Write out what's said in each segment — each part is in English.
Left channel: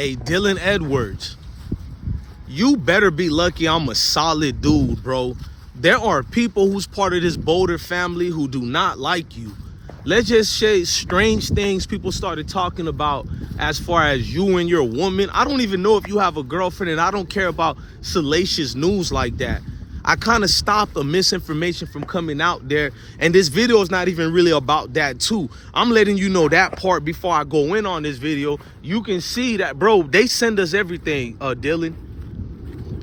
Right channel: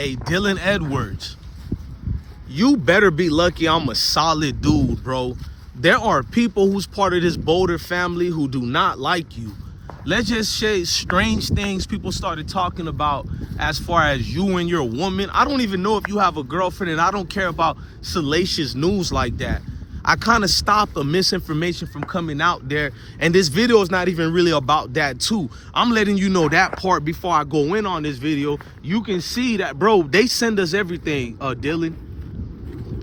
Hey, Dylan Edwards, you better be lucky I'm a solid dude, bro. There are people who's part of this Boulder family who do not like you. Let's just say strange things people started talking about as far as you and your woman. I don't even know if you have a girlfriend, and I don't care about salacious news like that. I kind of stopped the misinformation from coming out there, and this video is not even really about that too. I'm letting you know that part before I go in on this video. You can see that, bro, they send us everything, Dylan.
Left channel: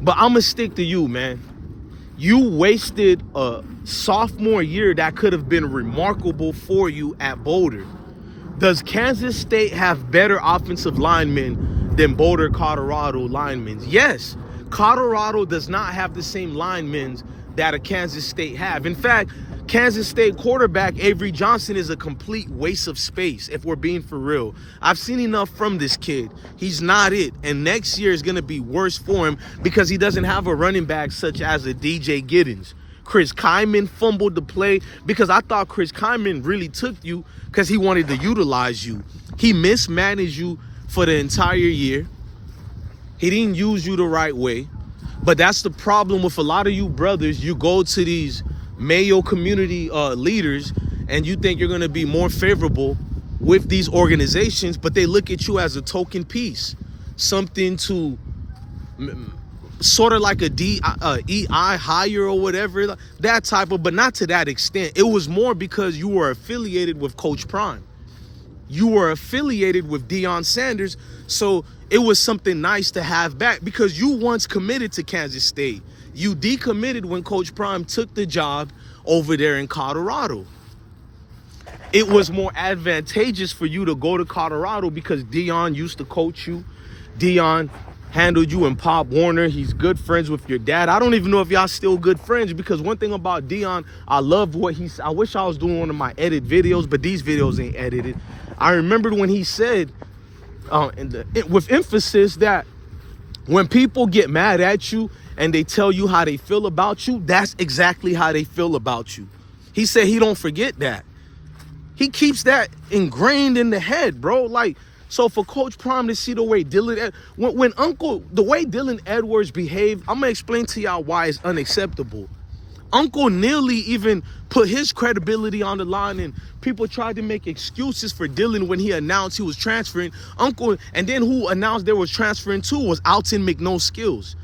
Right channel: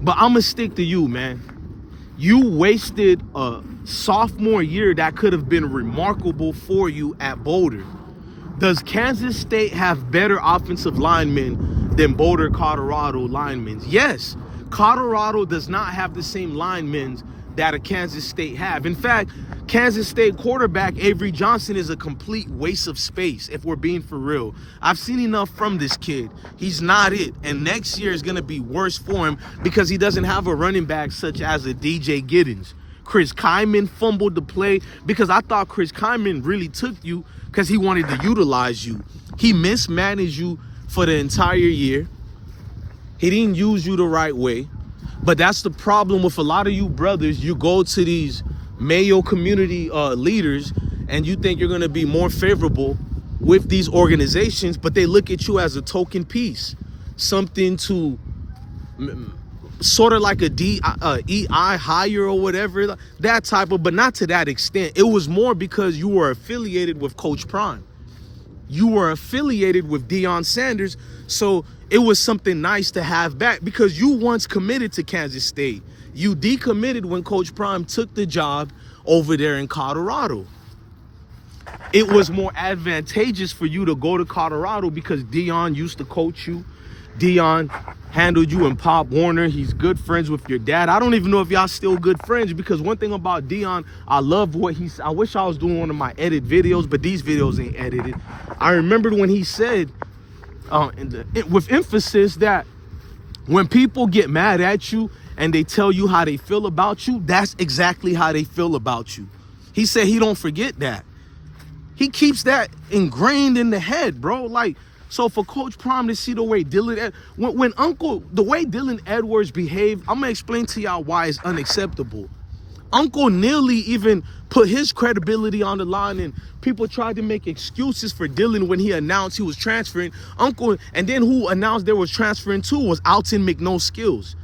But I'm gonna stick to you, man. You wasted a sophomore year that could have been remarkable for you at Boulder. Does Kansas State have better offensive linemen than Boulder, Colorado linemen? Yes. Colorado does not have the same linemen that a Kansas State have. In fact, Kansas State quarterback Avery Johnson is a complete waste of space, if we're being for real. I've seen enough from this kid. He's not it. And next year is going to be worse for him because he doesn't have a running back such as a DJ Giddens. Chris Kyman fumbled the play because I thought Chris Kyman really took you because he wanted to utilize you. He mismanaged you for the entire year. He didn't use you the right way. But that's the problem with a lot of you brothers. You go to these Mayo community leaders and you think you're going to be more favorable with these organizations, but they look at you as a token piece, something to sort of like a EI hire or whatever, that type of, but not to that extent. It was more because you were affiliated with Coach Prime. You were affiliated with Deion Sanders, so it was something nice to have back because you once committed to Kansas State. You decommitted when Coach Prime took the job over there in Colorado. It was more advantageous for you to go to Colorado because Deion used to coach you. Deion handled you and Pop Warner. He's good friends with your dad. I don't even know if y'all still good friends because one thing about Deion, I love what he's. I wish I was doing one of my edit videos, but these videos ain't edited. I remembered when he said, with emphasis, that when people get mad at you and they tell you how they feel about you, that's exactly how they feel about you. He said he don't forget that. He keeps that ingrained in the head, bro. Like, so for Coach Prime to see the way the way Dylan Edwards behaved, I'm gonna explain to y'all why it's unacceptable. Uncle nearly even put his credibility on the line, and people tried to make excuses for Dylan when he announced he was transferring. And then who announced they was transferring too was Alton McNo-Skills.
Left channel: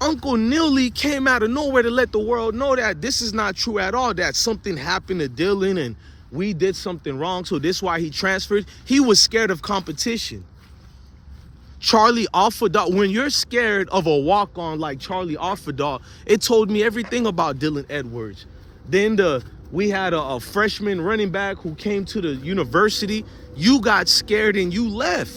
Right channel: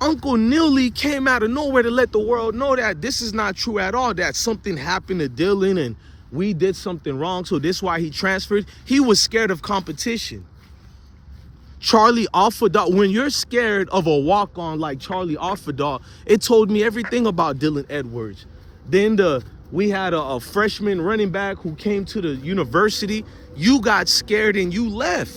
Uncle nearly came out of nowhere to let the world know that this is not true at all, that something happened to Dylan and we did something wrong, so this is why he transferred. He was scared of competition. Charlie Offerdahl, when you're scared of a walk-on like Charlie Offerdahl, it told me everything about Dylan Edwards. Then we had a freshman running back who came to the university. You got scared and you left.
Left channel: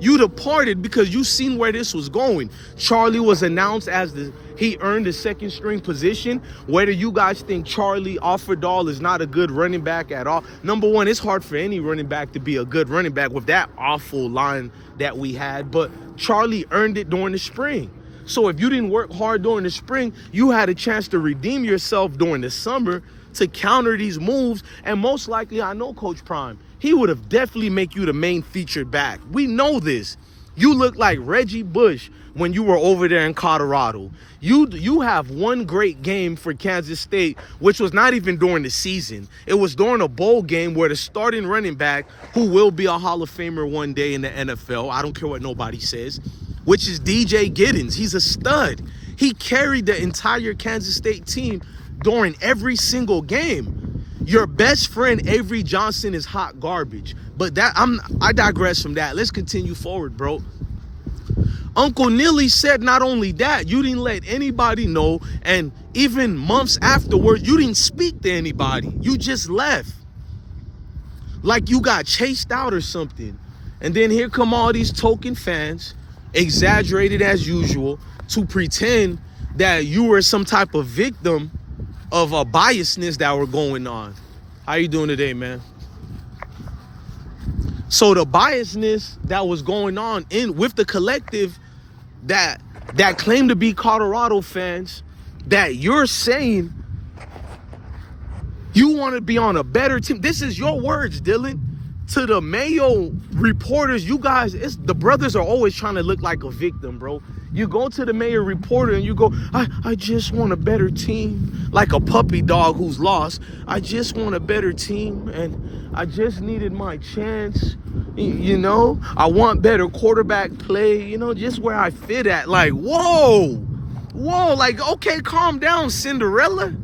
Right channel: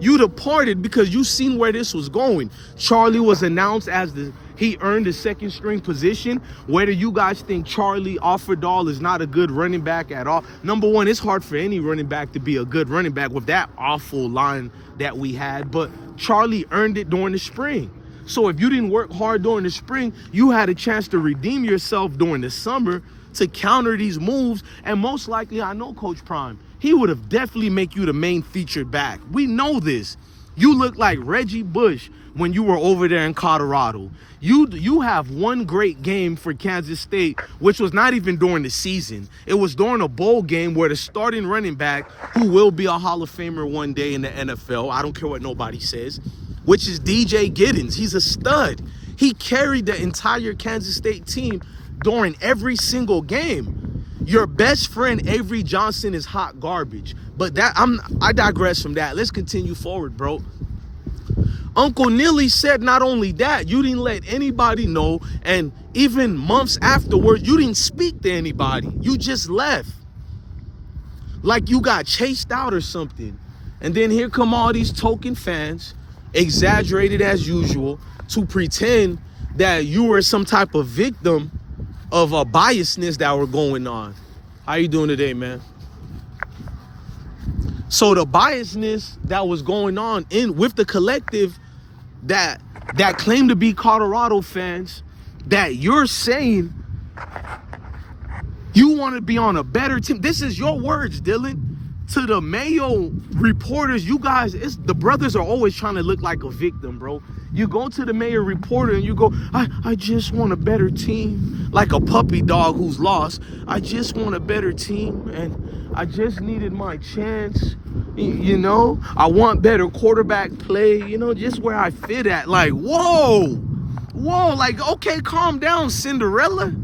You departed because you seen where this was going. Charlie was announced as he earned the second string position. Whether you guys think Charlie Offerdahl is not a good running back at all. Number one, it's hard for any running back to be a good running back with that awful line that we had. But Charlie earned it during the spring. So if you didn't work hard during the spring, you had a chance to redeem yourself during the summer to counter these moves. And most likely, I know Coach Prime, he would have definitely make you the main featured back. We know this. You look like Reggie Bush when you were over there in Colorado. You have one great game for Kansas State, which was not even during the season. It was during a bowl game where the starting running back, who will be a Hall of Famer one day in the NFL, I don't care what nobody says, which is DJ Giddens. He's a stud. He carried the entire Kansas State team during every single game. Your best friend, Avery Johnson, is hot garbage. But I digress from that. Let's continue forward, bro. Uncle Neely said not only that, you didn't let anybody know, and even months afterward, you didn't speak to anybody. You just left. Like you got chased out or something. And then here come all these token fans, exaggerated as usual, to pretend that you were some type of victim of a biasness that were going on. How you doing today, man? So the biasness that was going on with the collective that claim to be Colorado fans, that you're saying you want to be on a better team. This is your words, Dylan. to the Mayo reporters, you guys, the brothers are always trying to look like a victim, bro. You go to the Mayo reporter and you go, I just want a better team, like a puppy dog who's lost. I just want a better team, and I just needed my chance. You know, I want better quarterback play, you know, just where I fit at. Like, whoa, like, okay, calm down, Cinderella.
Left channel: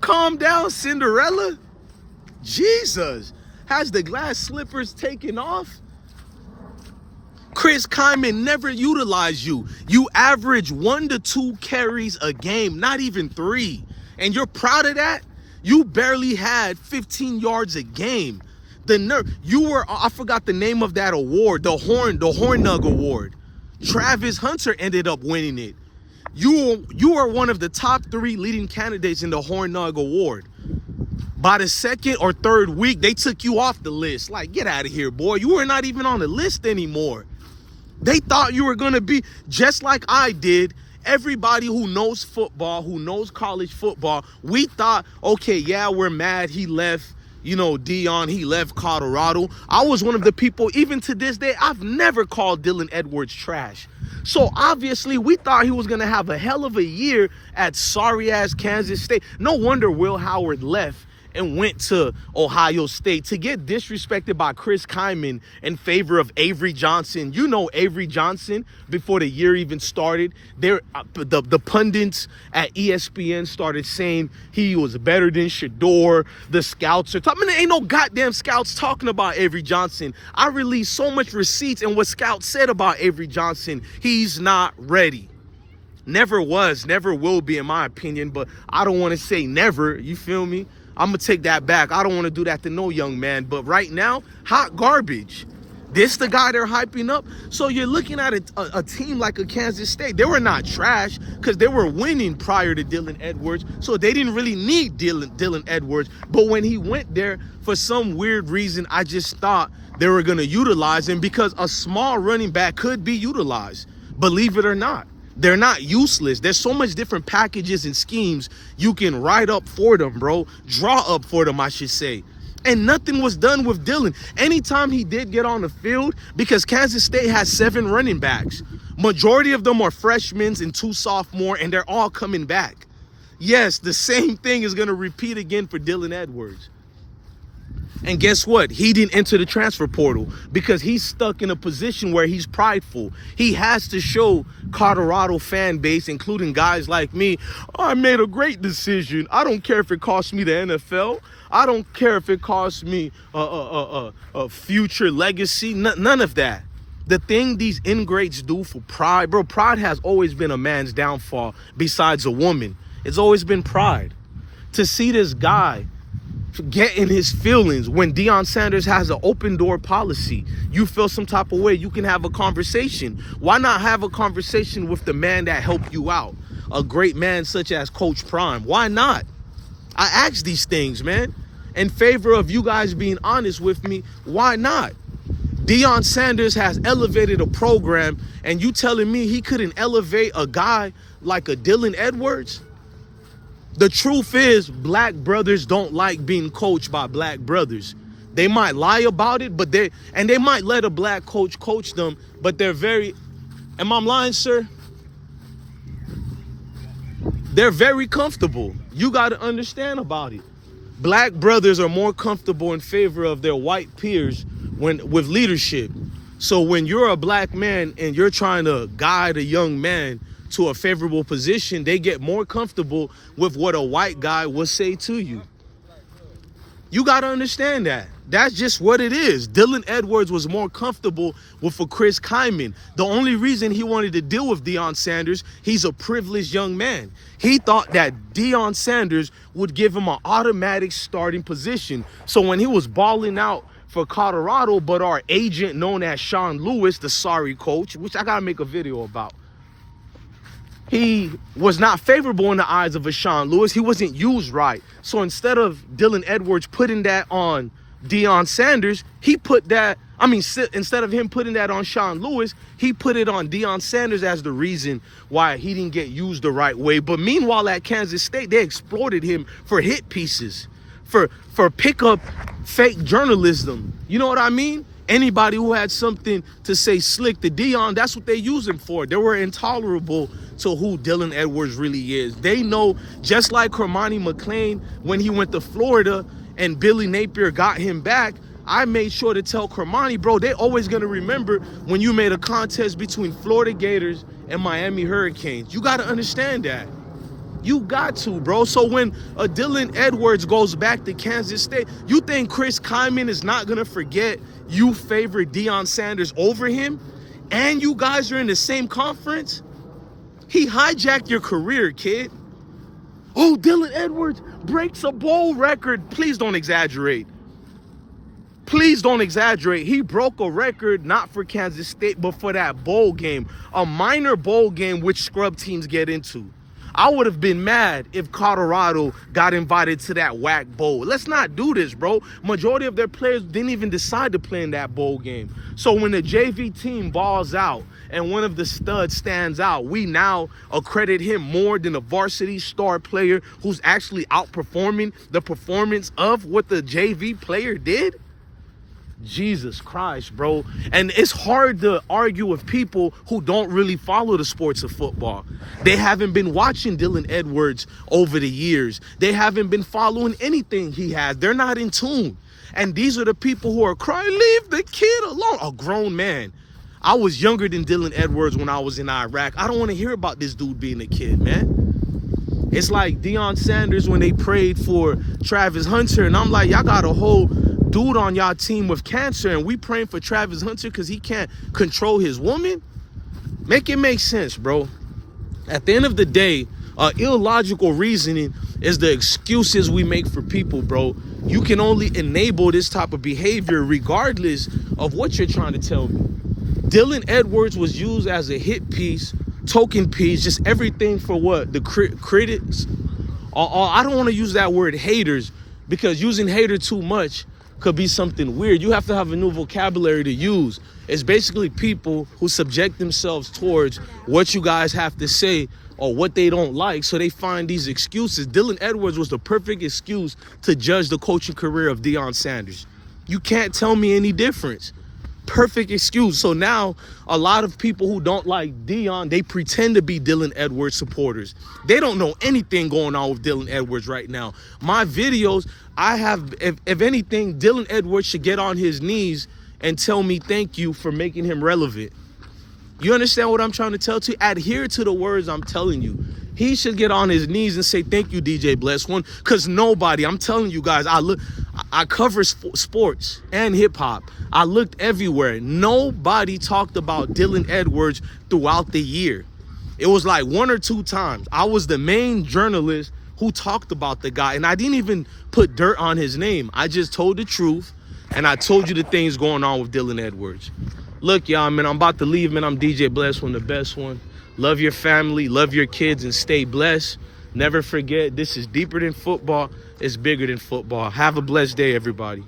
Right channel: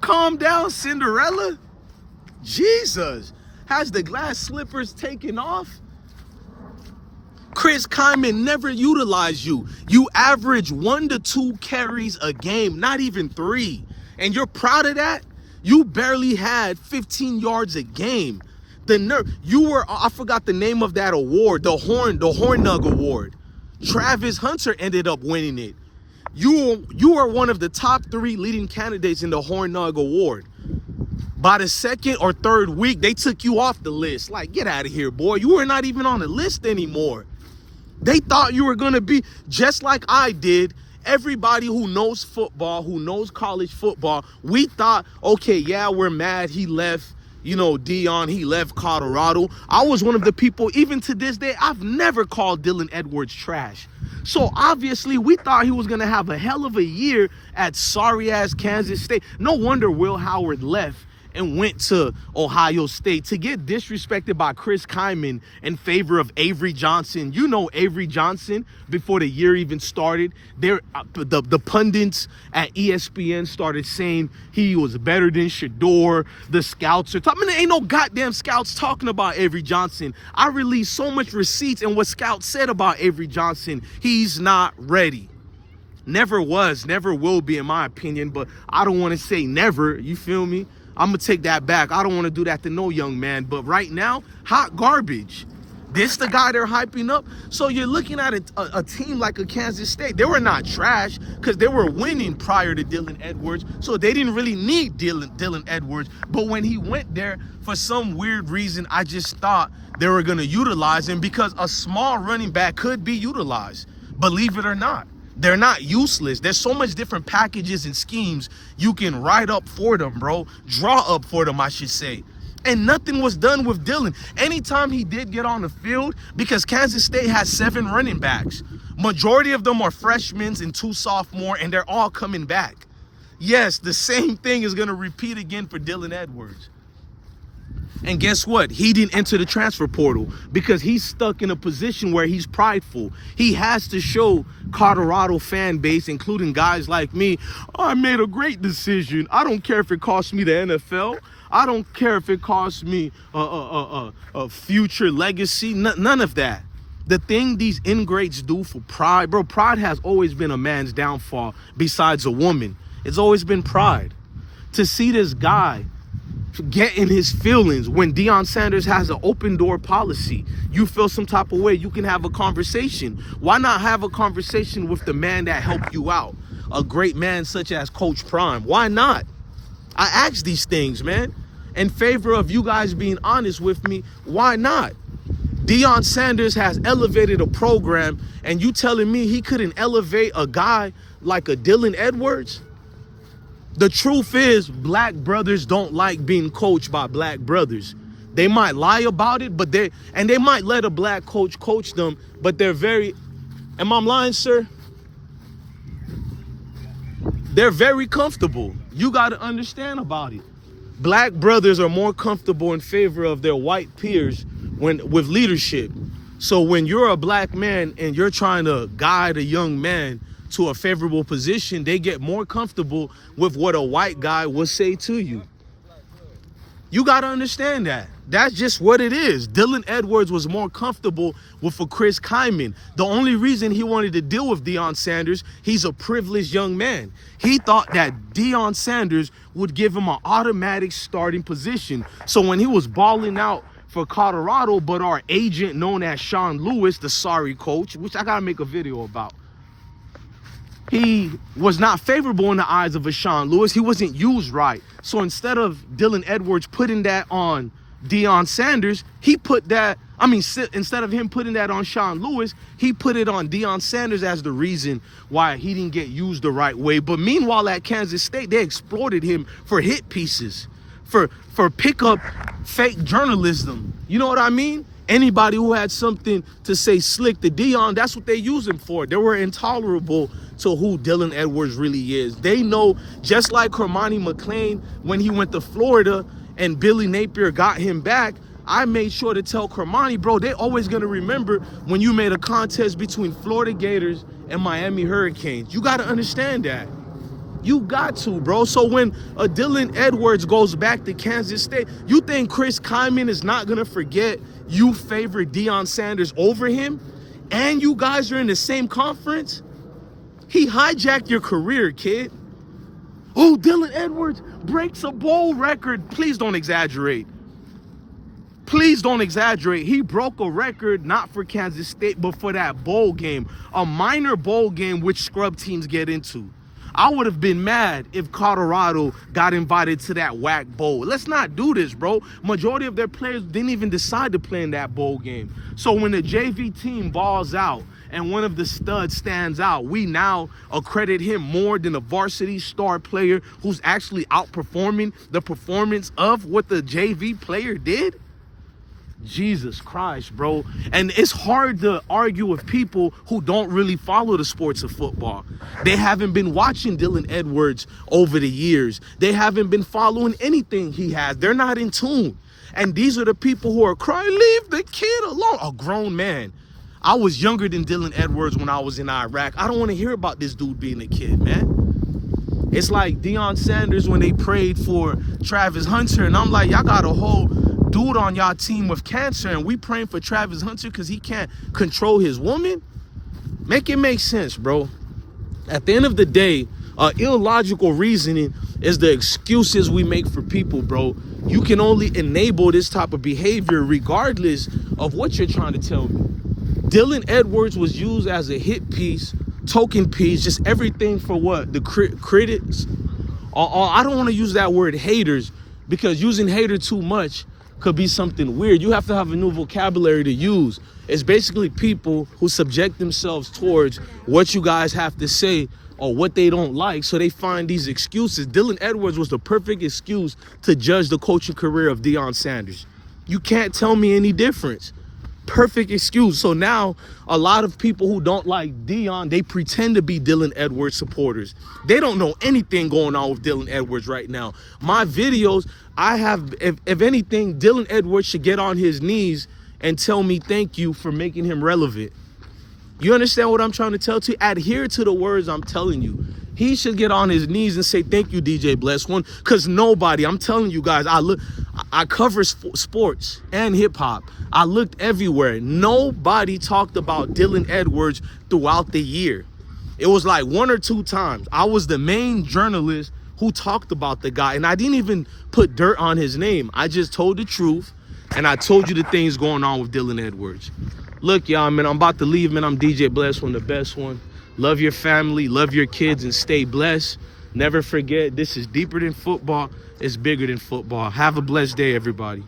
Calm down, Cinderella. Jesus. Has the glass slippers taken off? Chris Kyman never utilized you. You average 1 to 2 carries a game, not even 3. And you're proud of that? You barely had 15 yards a game. The nerve. You were, I forgot the name of that award, the Horn Nug Award. Travis Hunter ended up winning it. You are one of the top 3 leading candidates in the Horn Nug Award. By the second or third week, they took you off the list. Like, get out of here, boy. You were not even on the list anymore. They thought you were going to be just like I did. Everybody who knows football, who knows college football, we thought, okay, yeah, we're mad he left, you know, Deion, he left Colorado. I was one of the people, even to this day, I've never called Dylan Edwards trash. So obviously we thought he was going to have a hell of a year at sorry-ass Kansas State. No wonder Will Howard left and went to Ohio State to get disrespected by Chris Kyman in favor of Avery Johnson. You know Avery Johnson, before the year even started, the pundits at ESPN started saying he was better than Shador. The scouts are talking. I mean, there ain't no goddamn scouts talking about Avery Johnson. I released so much receipts and what scouts said about Avery Johnson. He's not ready. Never was, never will be, in my opinion, but I don't want to say never, you feel me? I'm going to take that back. I don't want to do that to no young man. But right now, hot garbage. This the guy they're hyping up. So you're looking at a team like a Kansas State. They were not trash because they were winning prior to Dylan Edwards. So they didn't really need Dylan Edwards. But when he went there, for some weird reason, I just thought they were going to utilize him because a small running back could be utilized. Believe it or not. They're not useless. There's so much different packages and schemes you can write up for them, bro. Draw up for them, I should say. And nothing was done with Dylan. Anytime he did get on the field, because Kansas State has 7 running backs. Majority of them are freshmen and 2 sophomores, and they're all coming back. Yes, the same thing is going to repeat again for Dylan Edwards. And guess what? He didn't enter the transfer portal because he's stuck in a position where he's prideful. He has to show Colorado fan base, including guys like me, oh, I made a great decision. I don't care if it costs me the NFL. I don't care if it costs me a future legacy. None of that. The thing these ingrates do for pride, bro, pride has always been a man's downfall besides a woman. It's always been pride. To see this guy get in his feelings when Deion Sanders has an open door policy. You feel some type of way, you can have a conversation. Why not have a conversation with the man that helped you out? A great man such as Coach Prime. Why not? I ask these things, man. In favor of you guys being honest with me, why not? Deion Sanders has elevated a program, and you telling me he couldn't elevate a guy like a Dylan Edwards? The truth is, black brothers don't like being coached by black brothers. They might lie about it, but they might let a black coach them, but they're very, am I lying, sir? They're very comfortable. You got to understand about it. Black brothers are more comfortable in favor of their white peers with leadership. So when you're a black man and you're trying to guide a young man to a favorable position, they get more comfortable with what a white guy will say to you. You got to understand that. That's just what it is. Dylan Edwards was more comfortable with a Chris Kyman. The only reason he wanted to deal with Deion Sanders, he's a privileged young man. He thought that Deion Sanders would give him an automatic starting position. So when he was balling out for Colorado, but our agent known as Sean Lewis, the sorry coach, which I got to make a video about, he was not favorable in the eyes of a Sean Lewis. He wasn't used right. So instead of Dylan Edwards putting that on Deion Sanders, he put that I mean, instead of him putting that on Sean Lewis, he put it on Deion Sanders as the reason why he didn't get used the right way. But meanwhile, at Kansas State, they exploited him for hit pieces, for pickup fake journalism. You know what I mean? Anybody who had something to say slick to Deion, that's what they use him for. They were intolerable to who Dylan Edwards really is. They know, just like Kermani McClain, when he went to Florida and Billy Napier got him back, I made sure to tell Kermani, bro, they always going to remember when you made a contest between Florida Gators and Miami Hurricanes. You got to understand that. You got to, bro. So when Dylan Edwards goes back to Kansas State, you think Chris Kyman is not going to forget you favored Deion Sanders over him? And you guys are in the same conference? He hijacked your career, kid. Oh, Dylan Edwards breaks a bowl record. Please don't exaggerate. Please don't exaggerate. He broke a record not for Kansas State, but for that bowl game. A minor bowl game which scrub teams get into. I would have been mad if Colorado got invited to that whack bowl. Let's not do this, bro. Majority of their players didn't even decide to play in that bowl game. So when the JV team balls out and one of the studs stands out, we now accredit him more than a varsity star player who's actually outperforming the performance of what the JV player did? Jesus Christ, bro. And it's hard to argue with people who don't really follow the sports of football. They haven't been watching Dylan Edwards over the years. They haven't been following anything he has. They're not in tune. And these are the people who are crying, leave the kid alone. A grown man. I was younger than Dylan Edwards when I was in Iraq. I don't want to hear about this dude being a kid, man. It's like Deion Sanders when they prayed for Travis Hunter. And I'm like, y'all got a whole dude on y'all team with cancer and we praying for Travis Hunter because he can't control his woman? Make it make sense, bro. At the end of the day, illogical reasoning is the excuses we make for people, bro. You can only enable this type of behavior regardless of what you're trying to tell me. Dylan Edwards was used as a hit piece, token piece, just everything for what? The critics? I don't want to use that word haters because using hater too much could be something weird. You have to have a new vocabulary to use. It's basically people who subject themselves towards what you guys have to say or what they don't like, so they find these excuses. Dylan Edwards was the perfect excuse to judge the coaching career of Deion Sanders. You can't tell me any difference. Perfect excuse. So now a lot of people who don't like Deion, they pretend to be Dylan Edwards supporters. They don't know anything going on with Dylan Edwards right now. My videos, I have, if anything, Dylan Edwards should get on his knees and tell me thank you for making him relevant. You understand what I'm trying to tell you? Adhere to the words I'm telling you. He should get on his knees and say thank you, DJ Bless One, because nobody, I'm telling you guys, I cover sports and hip hop. I looked everywhere. Nobody talked about Dylan Edwards throughout the year. It was like one or two times. I was the main journalist who talked about the guy, and I didn't even put dirt on his name. I just told the truth, and I told you the things going on with Dylan Edwards. Look, y'all, man, I'm about to leave, man. I'm DJ Bless One, the best one. Love your family, love your kids, and stay blessed. Never forget, this is deeper than football. It's bigger than football. Have a blessed day, everybody.